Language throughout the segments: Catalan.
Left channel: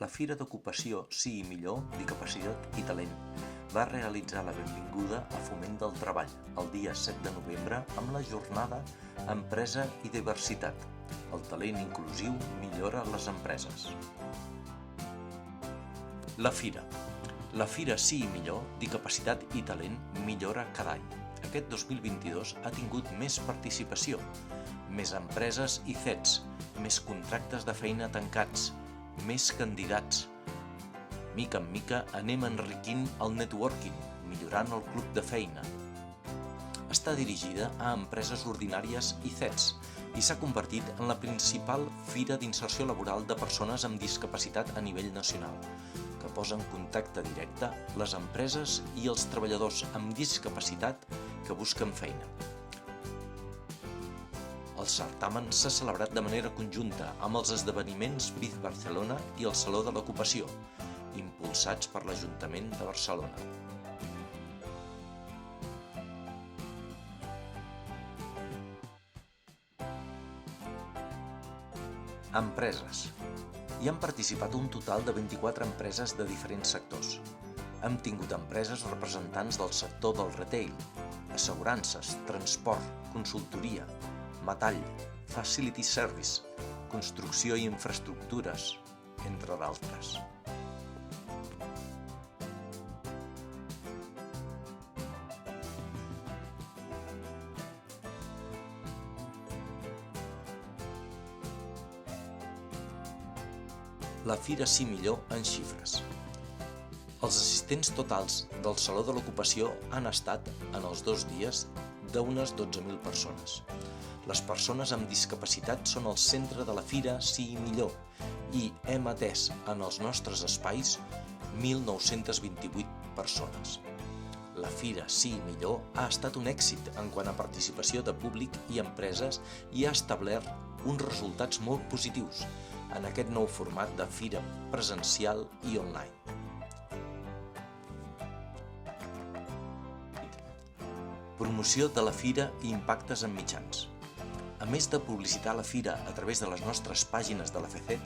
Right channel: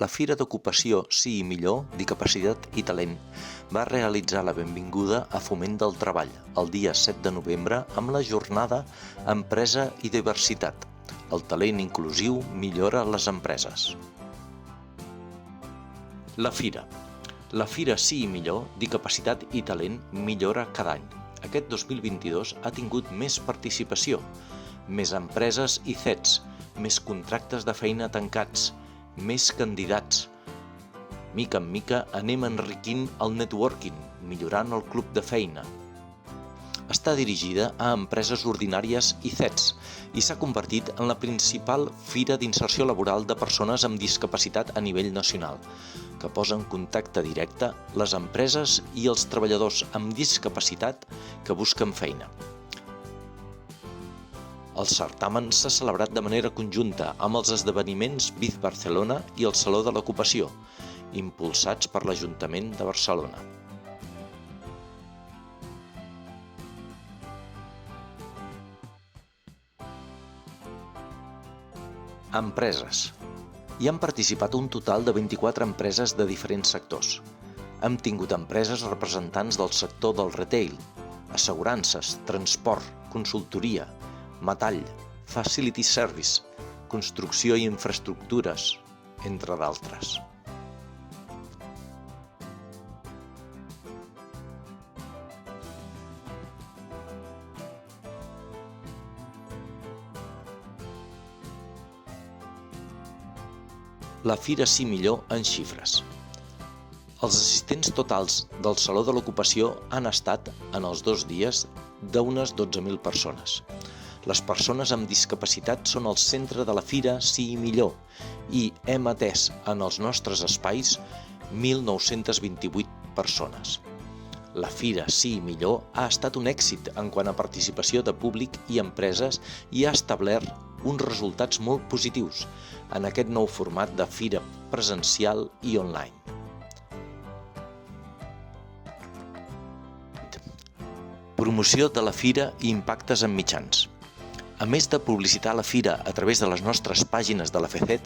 La Fira d'Ocupació Sí i Millor, Discapacitat i Talent va realitzar la benvinguda a Foment del Treball el dia 7 de novembre amb la jornada Empresa i Diversitat. El talent inclusiu millora les empreses. La Fira. La Fira Sí i Millor, Discapacitat i Talent millora cada any. Aquest 2022 ha tingut més participació, més empreses i CETs, més contractes de feina tancats, més candidats. Mica en mica anem enriquint el networking, millorant el club de feina. Està dirigida a empreses ordinàries i CETs i s'ha convertit en la principal fira d'inserció laboral de persones amb discapacitat a nivell nacional, que posa en contacte directe les empreses i els treballadors amb discapacitat que busquen feina. El certamen s'ha celebrat de manera conjunta amb els esdeveniments Biz Barcelona i el Saló de l'Ocupació, impulsats per l'Ajuntament de Barcelona. Empreses. Hi han participat un total de 24 empreses de diferents sectors. Hem tingut empreses representants del sector del retail, assegurances, transport, consultoria, metall, facility service, construcció i infraestructures, entre d'altres. La Fira Sí Millor en xifres. Els assistents totals del Saló de l'Ocupació han estat, en els 2 dies, d'unes 12.000 persones. Les persones amb discapacitat són el centre de la Fira Sí i Millor i hem atès en els nostres espais 1.928 persones. La Fira Sí i Millor ha estat un èxit en quant a participació de públic i empreses i ha establert uns resultats molt positius en aquest nou format de fira presencial i online. Promoció de la Fira i impactes en mitjans. A més de publicitar la Fira a través de les nostres pàgines de la FECET,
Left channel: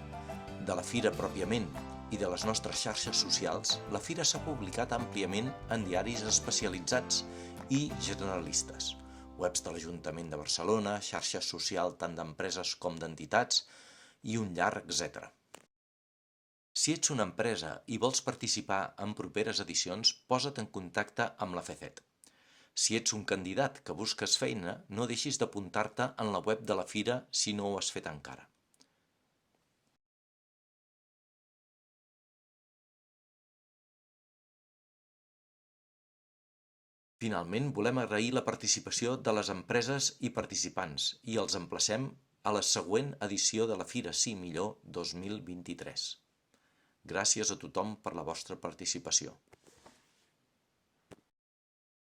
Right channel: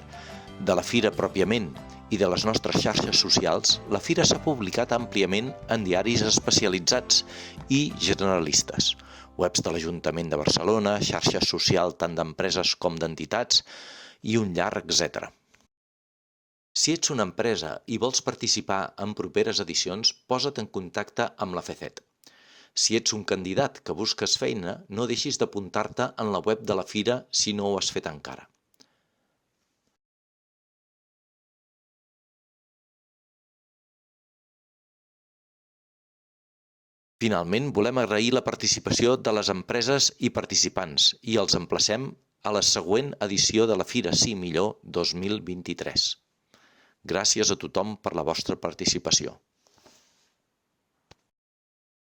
de la Fira pròpiament i de les nostres xarxes socials, la Fira s'ha publicat àmpliament en diaris especialitzats i generalistes, webs de l'Ajuntament de Barcelona, xarxes socials tant d'empreses com d'entitats i un llarg etcètera. Si ets una empresa i vols participar en properes edicions, posa't en contacte amb la FECET. Si ets un candidat que busques feina, no deixis d'apuntar-te en la web de la Fira si no ho has fet encara. Finalment, volem agrair la participació de les empreses i participants i els emplacem a la següent edició de la Fira Sí Millor 2023. Gràcies a tothom per la vostra participació.